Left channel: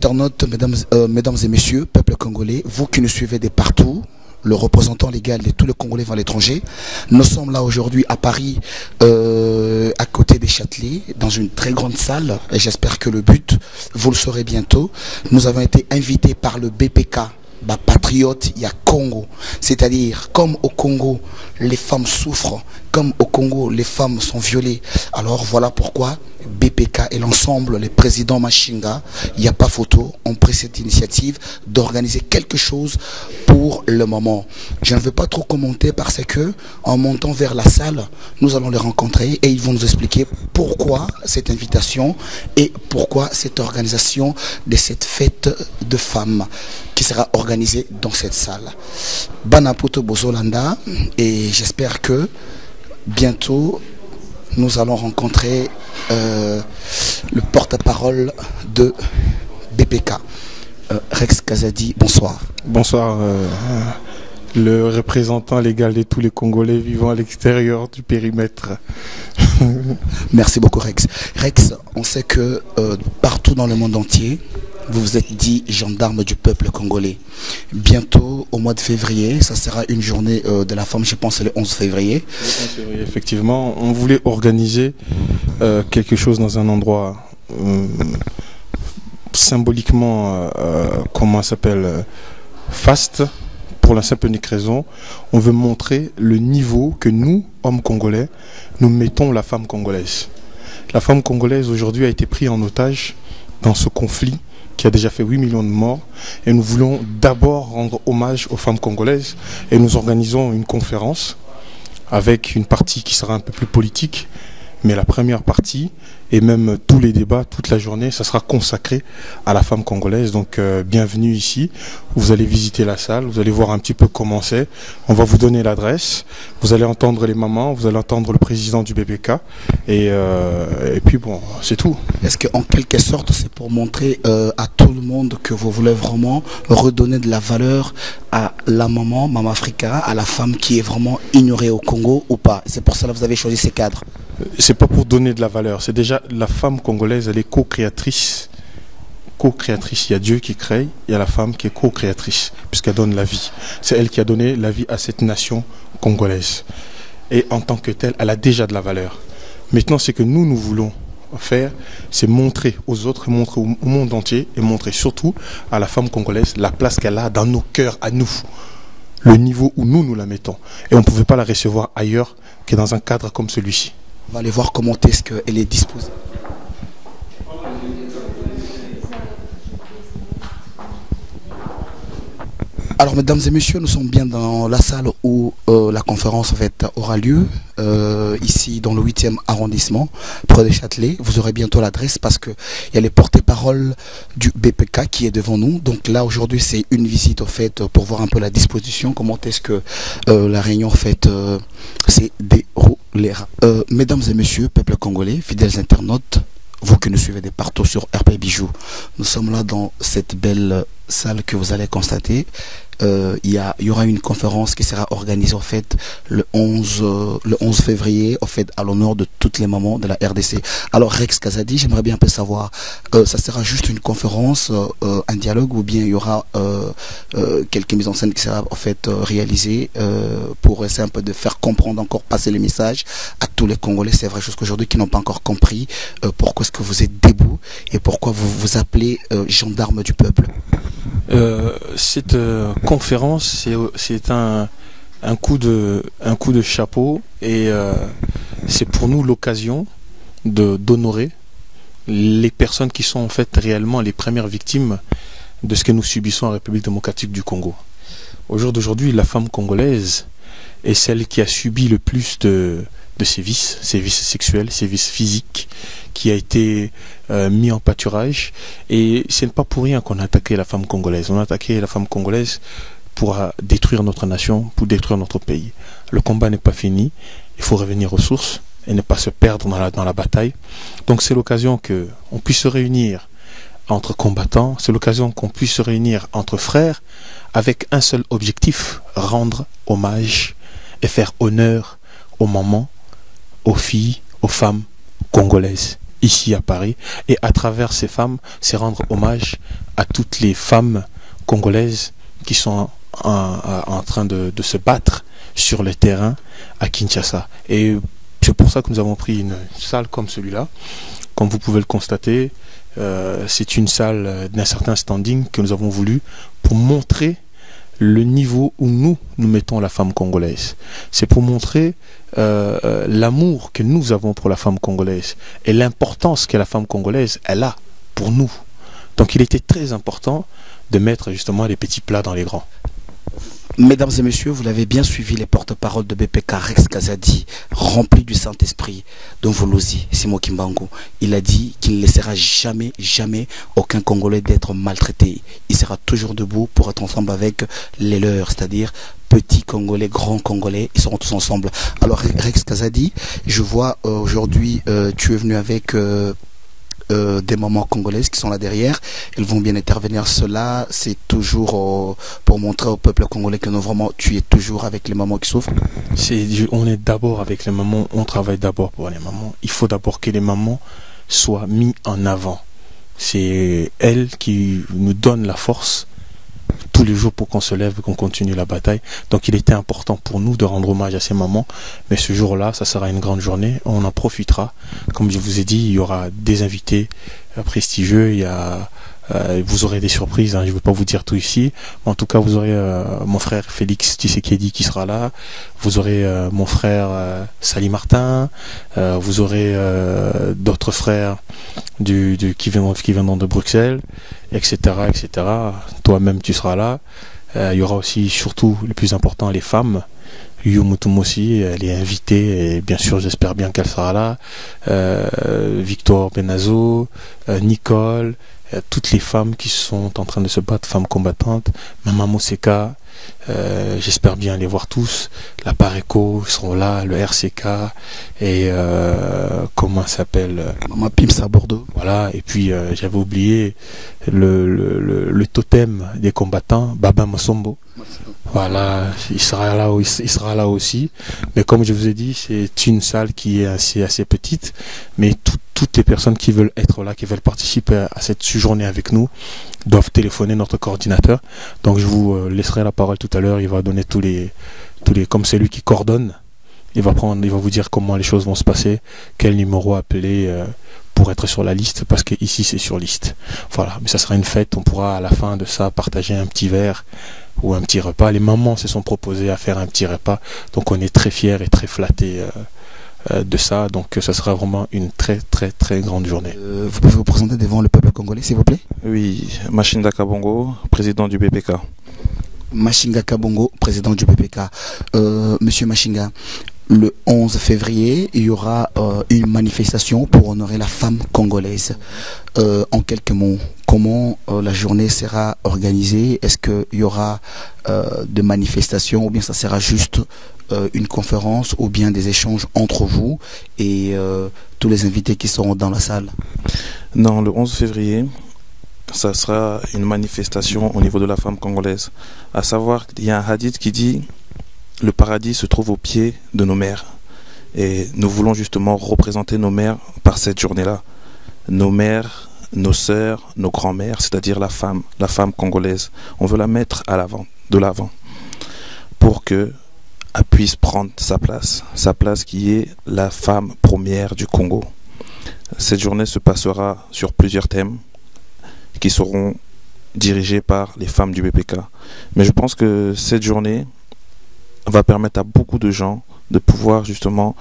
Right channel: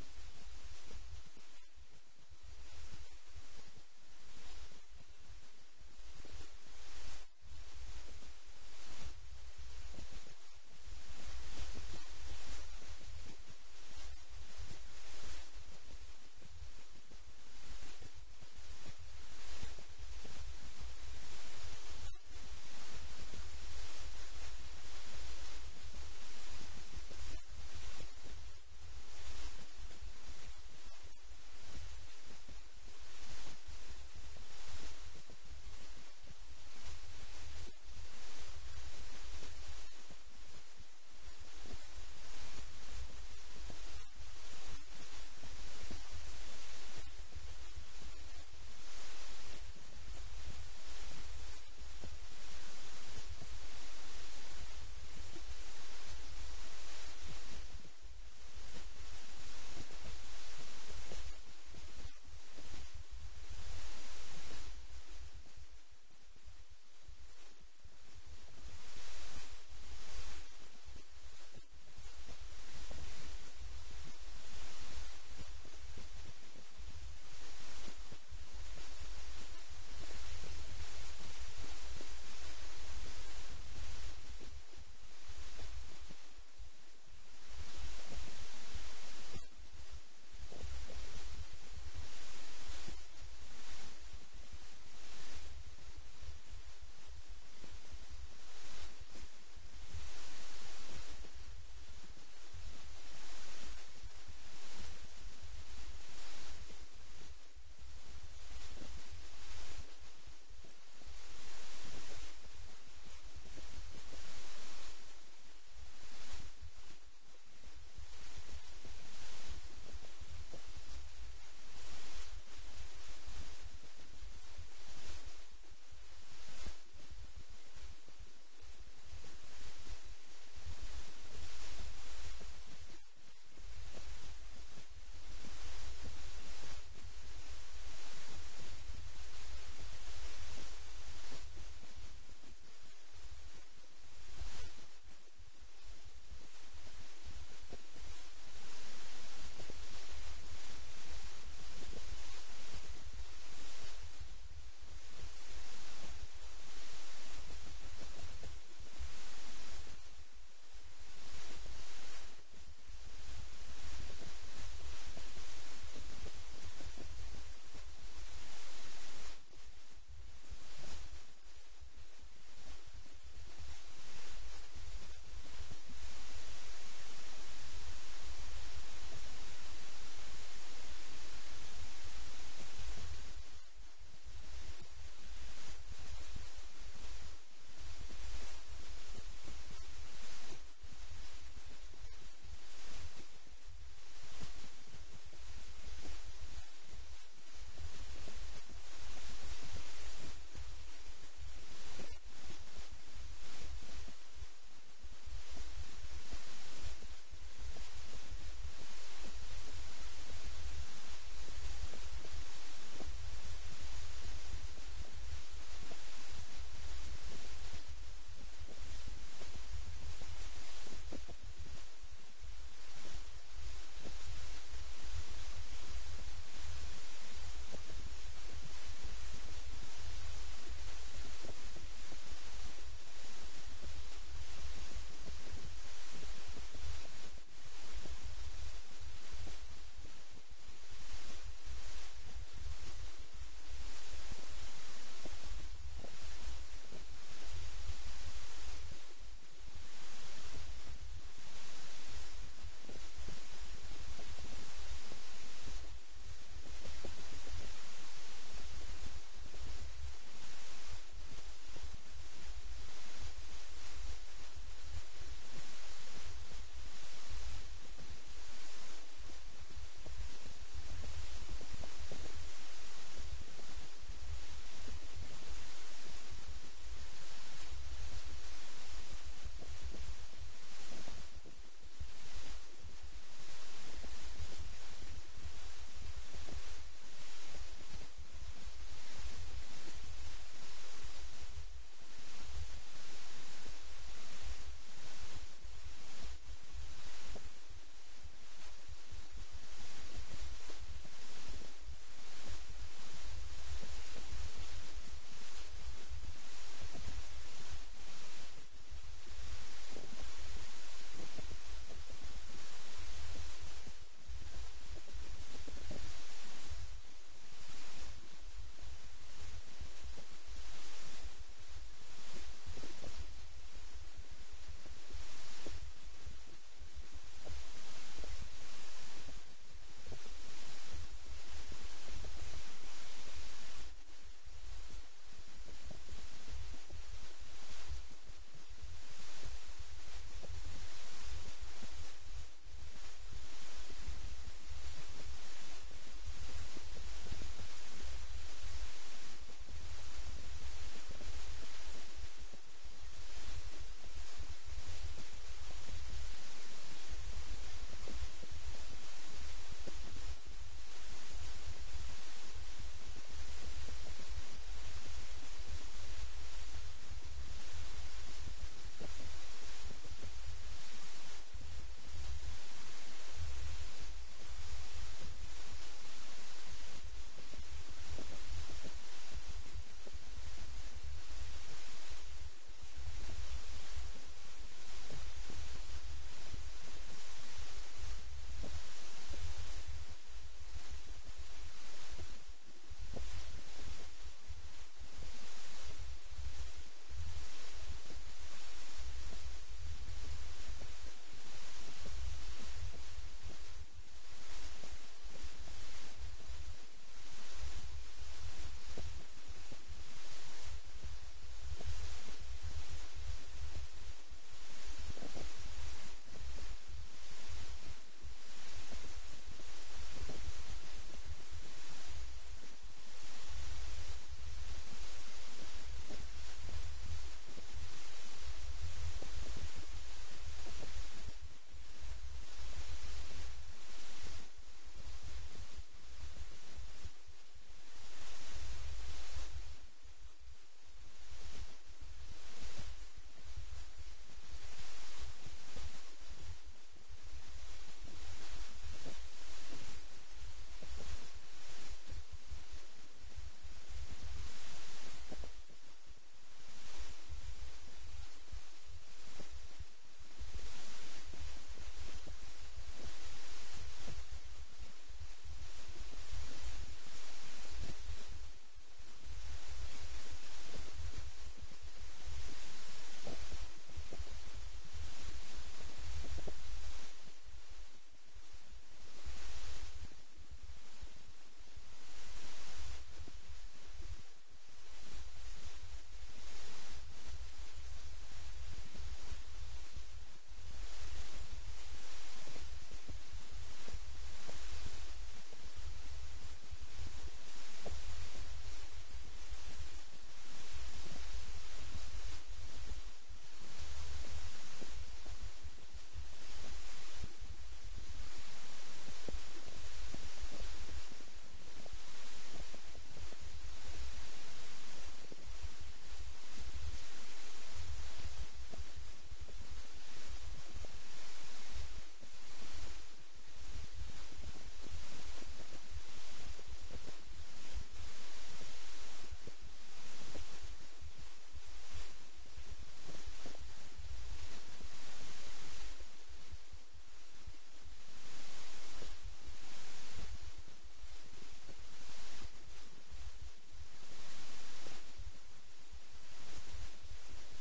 internautes, mesdames et messieurs, peuple congolais, vous qui nous suivez de partout, le représentant légal de tous les Congolais à l'étranger, nous sommes là aujourd'hui à Paris, à côté des Châtelet, dans une très grande salle, et j'espère que le but, vous le saurez bientôt. Nous avons été invités par le BPK, Patriote, il y a Congo. C'est-à-dire, comme au Congo, les femmes souffrent, comme au Congo, les femmes sont violées. Alors voilà pourquoi BPK et l'ensemble, les présidents Machinga, il n'y a pas photo, ont pris cette initiative d'organiser quelque chose pour le moment. Je ne veux pas trop commenter parce que, en montant vers la salle, nous allons les rencontrer et ils vont nous expliquer pourquoi cette invitation et pourquoi cette organisation de cette fête de femmes qui sera organisée dans cette salle. Banapoto Bozolanda, et j'espère que bientôt nous allons rencontrer le porte-parole de BPK, Rex Kazadi. Bonsoir. Bonsoir, le représentant légal de tous les Congolais vivant à l'extérieur du périmètre. Merci beaucoup Rex. Rex, on sait que partout dans le monde entier, vous vous êtes dit gendarme du peuple congolais. Bientôt, au mois de février, ça sera une journée de la femme, je pense le 11 février. Le 11 février, effectivement. On voulait organiser quelque chose dans un endroit symboliquement, comment ça s'appelle, faste, pour la simple et unique raison. On veut montrer le niveau que nous, hommes congolais, nous mettons la femme congolaise. La femme congolaise aujourd'hui a été prise en otage dans ce conflit qui a déjà fait 8 millions de morts. Et nous voulons d'abord rendre hommage aux femmes congolaises. Et nous organisons une conférence avec une partie qui sera un peu plus politique. Mais la première partie, et même tous les débats, toute la journée, ça sera consacré à la femme congolaise. Donc bienvenue ici. Vous allez visiter la salle, vous allez voir un petit peu comment c'est. On va vous donner l'adresse. Vous allez entendre les mamans, vous allez entendre le président du BPK. Et puis bon, c'est tout. Est-ce qu'en quelque sorte, c'est pour montrer à tout le monde que vous voulez vraiment redonner de la valeur à la maman, Maman Africa, à la femme qui est vraiment ignorée au Congo ou pas? C'est pour cela que vous avez choisi ces cadres. C'est pas pour donner de la valeur, c'est déjà la femme congolaise, elle est co-créatrice. Co-créatrice, il y a Dieu qui crée, il y a la femme qui est co-créatrice, puisqu'elle donne la vie. C'est elle qui a donné la vie à cette nation congolaise. Et en tant que telle, elle a déjà de la valeur. Maintenant, ce que nous voulons faire, c'est montrer aux autres, montrer au monde entier, et montrer surtout à la femme congolaise la place qu'elle a dans nos cœurs à nous. Le niveau où nous la mettons. Et on ne pouvait pas la recevoir ailleurs que dans un cadre comme celui-ci. On va aller voir comment est-ce qu'elle est disposée. Alors, mesdames et messieurs, nous sommes bien dans la salle où la conférence en fait, aura lieu, ici dans le 8e arrondissement, près de Châtelet. Vous aurez bientôt l'adresse parce qu'il y a les porte-paroles du BPK qui est devant nous. Donc là, aujourd'hui, c'est une visite en fait, pour voir un peu la disposition, comment est-ce que la réunion en fait, s'est déroulée. Mesdames et messieurs, peuple congolais, fidèles internautes, vous qui nous suivez de partout sur RP Bijou, nous sommes là dans cette belle salle que vous allez constater. Il y aura une conférence qui sera organisée en fait le 11 février en fait, à l'honneur de toutes les mamans de la RDC. Alors Rex Kazadi, j'aimerais bien un peu savoir, ça sera juste une conférence, un dialogue, ou bien il y aura quelques mises en scène qui sera en fait réalisées pour essayer un peu de faire comprendre, encore passer le message à tous les Congolais. C'est vrai, jusqu'aujourd'hui qui n'ont pas encore compris pourquoi est-ce que vous êtes debout et pourquoi vous vous appelez gendarme du peuple. Cette conférence, c'est un coup de chapeau et c'est pour nous l'occasion d'honorer les personnes qui sont en fait réellement les premières victimes de ce que nous subissons en République démocratique du Congo. Au jour d'aujourd'hui, la femme congolaise est celle qui a subi le plus de sévices sexuels, sévices physiques, qui a été mis en pâturage. Et ce n'est pas pour rien qu'on a attaqué la femme congolaise. On a attaqué la femme congolaise pour détruire notre nation, pour détruire notre pays. Le combat n'est pas fini. Il faut revenir aux sources et ne pas se perdre dans la bataille. Donc c'est l'occasion qu'on puisse se réunir entre combattants. C'est l'occasion qu'on puisse se réunir entre frères avec un seul objectif, rendre hommage et faire honneur aux mamans, aux filles, aux femmes congolaises. ici à Paris. Et à travers ces femmes, c'est rendre hommage à toutes les femmes congolaises qui sont en train de se battre sur le terrain à Kinshasa. Et c'est pour ça que nous avons pris une salle comme celui-là. Comme vous pouvez le constater, c'est une salle d'un certain standing que nous avons voulu pour montrer le niveau où nous mettons la femme congolaise. C'est pour montrer l'amour que nous avons pour la femme congolaise et l'importance que la femme congolaise elle a pour nous. Donc il était très important de mettre justement les petits plats dans les grands. Mesdames et messieurs, vous l'avez bien suivi, les porte-paroles de BPK, Rex Kazadi, rempli du Saint-Esprit, Don Volosi, Simo Kimbangu. Il a dit qu'il ne laissera jamais, jamais aucun Congolais d'être maltraité. Il sera toujours debout pour être ensemble avec les leurs, c'est-à-dire petits Congolais, grands Congolais, ils seront tous ensemble. Alors Rex Kazadi, je vois aujourd'hui, tu es venu avec... des mamans congolaises qui sont là derrière, elles vont bien intervenir. Cela, c'est toujours pour montrer au peuple congolais que non, vraiment, tu es toujours avec les mamans qui souffrent. On est d'abord avec les mamans, on travaille d'abord pour les mamans. Il faut d'abord que les mamans soient mises en avant. C'est elles qui nous donnent la force tous les jours pour qu'on se lève et qu'on continue la bataille. Donc il était important pour nous de rendre hommage à ces mamans. Mais ce jour-là, ça sera une grande journée. On en profitera. Comme je vous ai dit, il y aura des invités prestigieux. Vous aurez des surprises. Je ne vais pas vous dire tout ici. En tout cas, vous aurez mon frère Félix Tshisekedi qui sera là. Vous aurez mon frère Sali Martin. Vous aurez d'autres frères qui viendront de Bruxelles, etc., etc. Toi-même, tu seras là. Il y aura aussi, surtout, le plus important, les femmes. Yumutum aussi, elle est invitée et bien sûr, j'espère bien qu'elle sera là. Victor Benazo, Nicole, toutes les femmes qui sont en train de se battre, femmes combattantes. Maman Moseka, j'espère bien les voir tous. La Pareco seront là, le RCK et comment ça s'appelle, Maman Pims à Bordeaux. Voilà, et puis j'avais oublié le totem des combattants, Baba Masombo. Voilà, il sera là aussi. Mais comme je vous ai dit, c'est une salle qui est assez petite. Mais toutes les personnes qui veulent être là, qui veulent participer à cette journée avec nous, doivent téléphoner notre coordinateur. Donc je vous laisserai la parole tout à l'heure. Il va donner tous les comme c'est lui qui coordonne. Il va vous dire comment les choses vont se passer, quel numéro appeler pour être sur la liste, parce que ici c'est sur liste. Voilà, mais ça sera une fête. On pourra à la fin de ça partager un petit verre ou un petit repas. Les mamans se sont proposées à faire un petit repas, donc on est très fiers et très flattés de ça. Donc ça sera vraiment une très très très grande journée. Vous pouvez vous présenter devant le peuple congolais, s'il vous plaît? Oui, Machinga Kabongo, président du BPK. Machinga Kabongo, président du BPK. Monsieur Machinga, le 11 février, il y aura une manifestation pour honorer la femme congolaise. En quelques mots, comment la journée sera organisée? Est-ce qu'il y aura des manifestations ou bien ça sera juste une conférence ou bien des échanges entre vous et tous les invités qui seront dans la salle? Non, le 11 février, ça sera une manifestation au niveau de la femme congolaise. À savoir qu'il y a un hadith qui dit « Le paradis se trouve au pied de nos mères ». Et nous voulons justement représenter nos mères par cette journée-là. Nos mères, nos sœurs, nos grands-mères, c'est-à-dire la femme congolaise. On veut la mettre de l'avant, pour qu'elle puisse prendre sa place qui est la femme première du Congo. Cette journée se passera sur plusieurs thèmes qui seront dirigés par les femmes du BPK. Mais je pense que cette journée va permettre à beaucoup de gens de pouvoir justement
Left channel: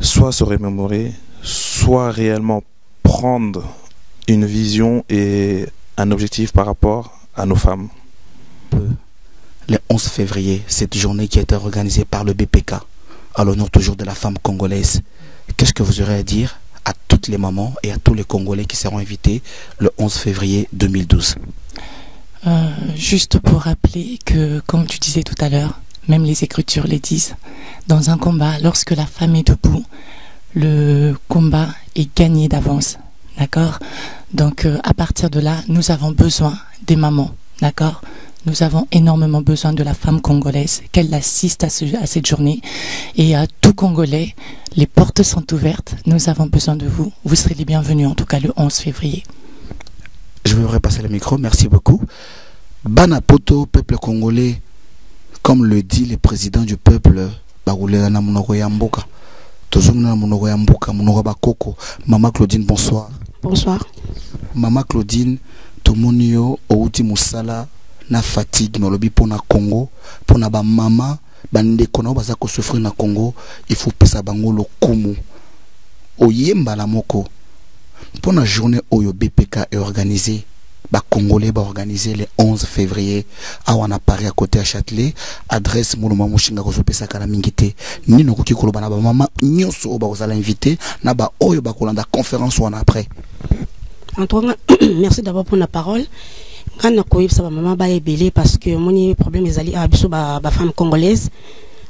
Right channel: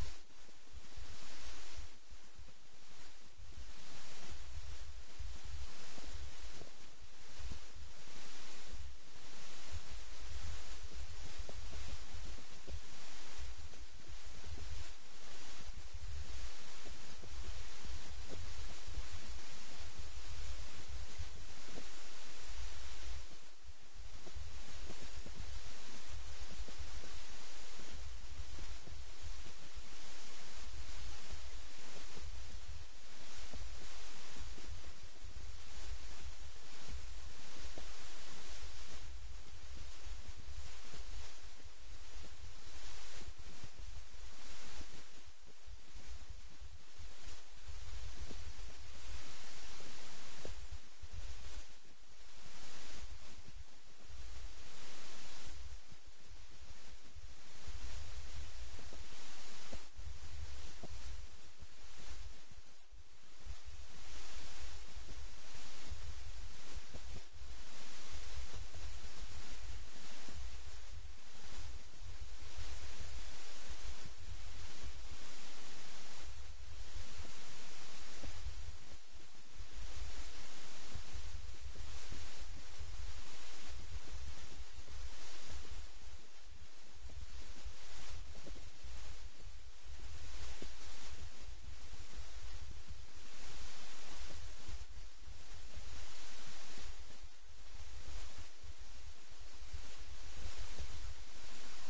soit se remémorer, soit réellement prendre une vision et un objectif par rapport à nos femmes. Le 11 février, cette journée qui a été organisée par le BPK, à l'honneur toujours de la femme congolaise, qu'est-ce que vous aurez à dire à toutes les mamans et à tous les Congolais qui seront invités le 11 février 2012? Juste pour rappeler que, comme tu disais tout à l'heure, même les Écritures les disent, dans un combat, lorsque la femme est debout, le combat est gagné d'avance, d'accord? Donc à partir de là, nous avons besoin des mamans, d'accord? Nous avons énormément besoin de la femme congolaise, qu'elle assiste à cette journée. Et à tout Congolais, les portes sont ouvertes. Nous avons besoin de vous. Vous serez les bienvenus, en tout cas le 11 février. Je vais repasser le micro. Merci beaucoup. Banapoto, peuple congolais, comme le dit le président du peuple, Maman Claudine, bonsoir. Bonsoir. Maman Claudine, Tomonio, Outi Moussala, na fatigue, no lobi pour na Congo, pour na ba maman, bande kono baza ko souffrir na Congo, il faut pesa bango lo kumu. Oyemba la moko. Pour la journée Oyo BPK est organisée, les Congolais va organiser le 11 février à Paris à côté à Châtelet, adresse Mouloma Mouchinga Kozopesa Kalamingite. Ni no koki kolobana ba mama nyonso oba ozala invité na ba Oyo ba kolanda conférence ou après. Antoine, merci d'abord pour la parole. Quand on a ça va maman ba ebélé parce que mon problème est allé à biso ba femme congolaise.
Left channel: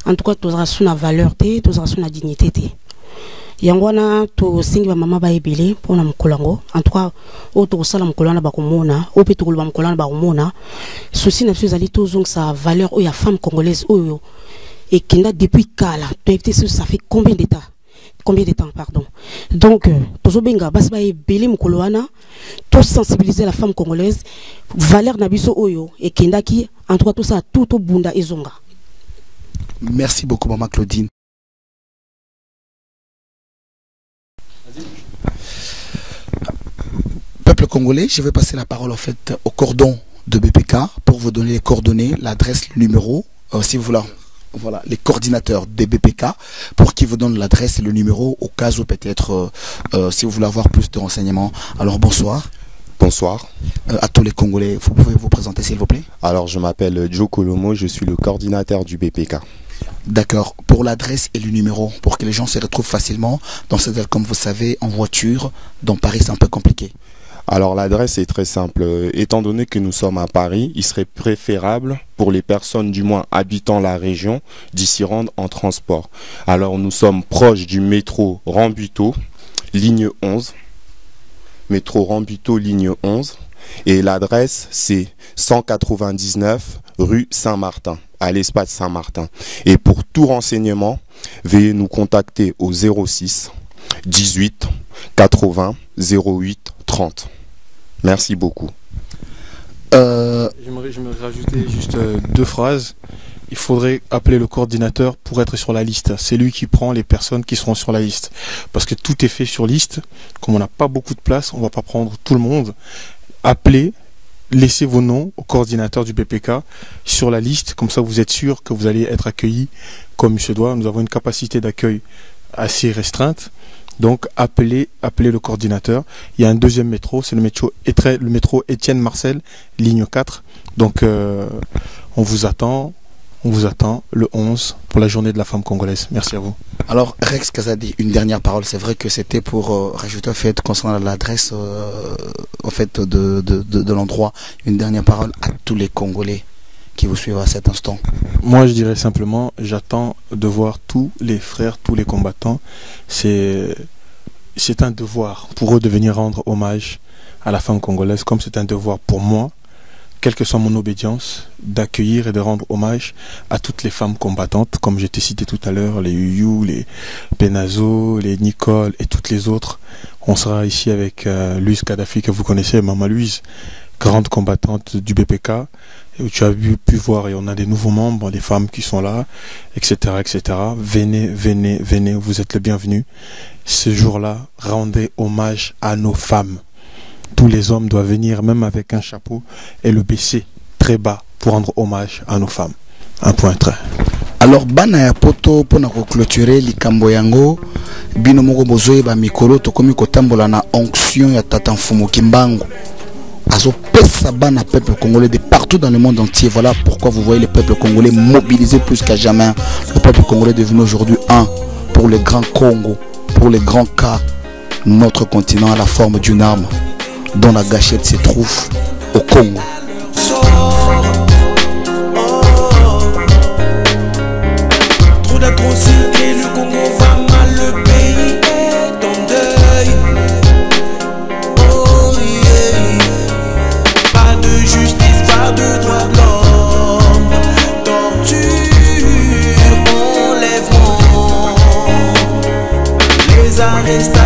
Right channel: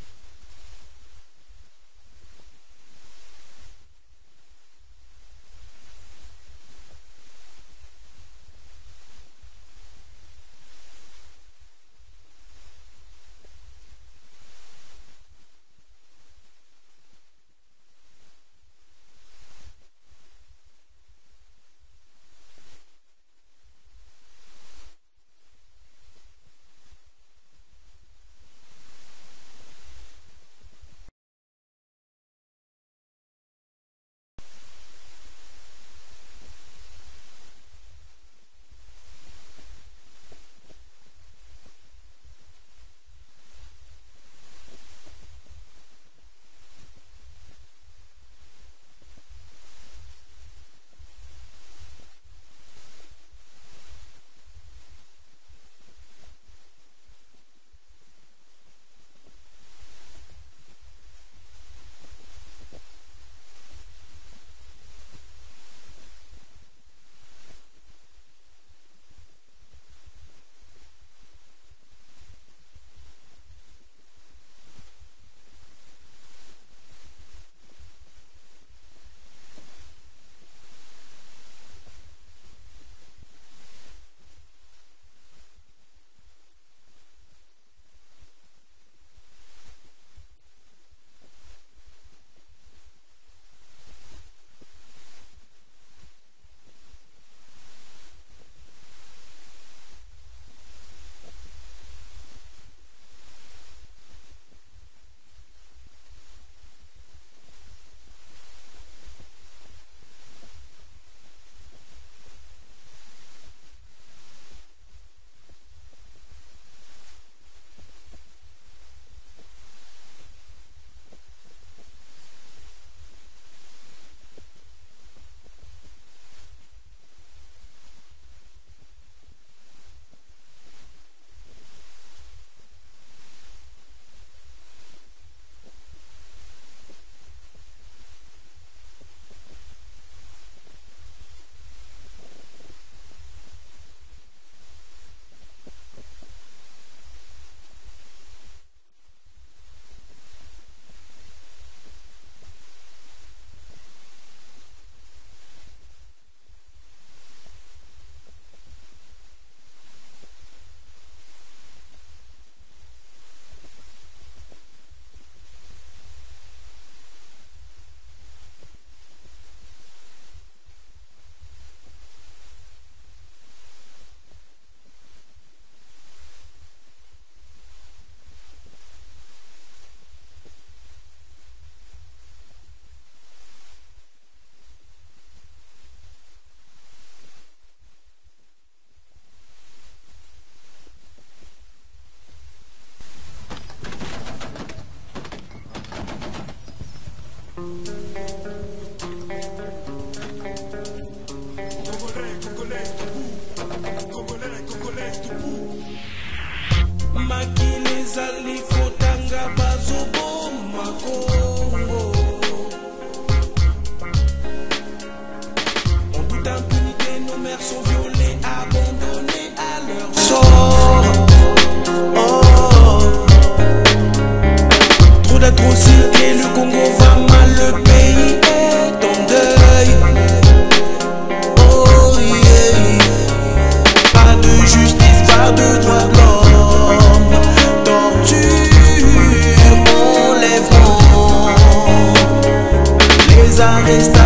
En tout cas, tous ra sous la valeur té, tous ra sous la dignité té. Yangwana to singi ba mama ba ebele pona mukolango en tout cas auto sala mukolana ba komona o pe to ba mukolana ba komona souci na zali to zong sa valeur o ya femme congolaise oyo et kinda depuis kala to éviter ça fait combien de temps pardon donc tozo benga bas ba ebele mukolana to sensibiliser la femme congolaise valeur na biso oyo et kinda ki en tout cas tout ça tout au bunda ezonga. Merci beaucoup maman Claudine. Peuple congolais, je vais passer la parole en fait au cordon de BPK pour vous donner les coordonnées, l'adresse, le numéro, si vous voulez, voilà, les coordinateurs des BPK pour qu'ils vous donnent l'adresse et le numéro au cas où peut-être si vous voulez avoir plus de renseignements. Alors bonsoir. Bonsoir. À tous les Congolais, vous pouvez vous présenter s'il vous plaît. Alors je m'appelle Joe Kolomo, je suis le coordinateur du BPK. D'accord. Pour l'adresse et le numéro, pour que les gens se retrouvent facilement dans cette ville, comme vous savez, en voiture, dans Paris c'est un peu compliqué. Alors l'adresse est très simple. Étant donné que nous sommes à Paris, il serait préférable pour les personnes du moins habitant la région d'y s'y rendre en transport. Alors nous sommes proches du métro Rambuteau, ligne 11. Métro Rambuteau, ligne 11. Et l'adresse c'est 199 rue Saint-Martin, à l'espace Saint-Martin. Et pour tout renseignement, veuillez nous contacter au 06 18 80 08 30. Merci beaucoup. J'aimerais rajouter juste deux phrases. Il faudrait appeler le coordinateur pour être sur la liste. C'est lui qui prend les personnes qui seront sur la liste. Parce que tout est fait sur liste. Comme on n'a pas beaucoup de place, on ne va pas prendre tout le monde. Appelez, laissez vos noms au coordinateur du BPK sur la liste. Comme ça, vous êtes sûr que vous allez être accueillis comme il se doit. Nous avons une capacité d'accueil assez restreinte. Donc appelez le coordinateur. Il y a un deuxième métro, c'est le métro Étienne Marcel, ligne 4. Donc on vous attend le 11 pour la journée de la femme congolaise. Merci à vous. Alors Rex Kazadi, une dernière parole. C'est vrai que c'était pour rajouter un fait concernant l'adresse en fait de l'endroit. Une dernière parole à tous les Congolais qui vous suivent à cet instant. Moi je dirais simplement, j'attends de voir tous les frères, tous les combattants. C'est un devoir pour eux de venir rendre hommage à la femme congolaise, comme c'est un devoir pour moi, quelle que soit mon obédience, d'accueillir et de rendre hommage à toutes les femmes combattantes, comme j'ai cité tout à l'heure, les Yuyu, les Penazo, les Nicole et toutes les autres. On sera ici avec Louise Kadhafi, que vous connaissez, Maman Louise, grande combattante du BPK. Où tu as pu voir, et on a des nouveaux membres, des femmes qui sont là, etc., etc. Venez, vous êtes le bienvenu. Ce jour-là, rendez hommage à nos femmes. Tous les hommes doivent venir, même avec un chapeau, et le baisser très bas pour rendre hommage à nos femmes. Un point trait. Alors, bana ya poto pour clôturer likambo yango, bino moko bozoye ba mikolo tokomi kotambola na onction ya tata Mfumu Kimbangu. Azopesa bana peuple congolais de partout dans le monde entier. Voilà pourquoi vous voyez le peuple congolais mobilisé plus qu'à jamais. Le peuple congolais est devenu aujourd'hui un pour le grand Congo, pour les grands cas. Notre continent a la forme d'une arme dont la gâchette se trouve au Congo. Trop d'atrocités, le Congo va mal, le pays est en deuil. Oh yeah. Pas de justice, pas de droit de l'homme. gangsta.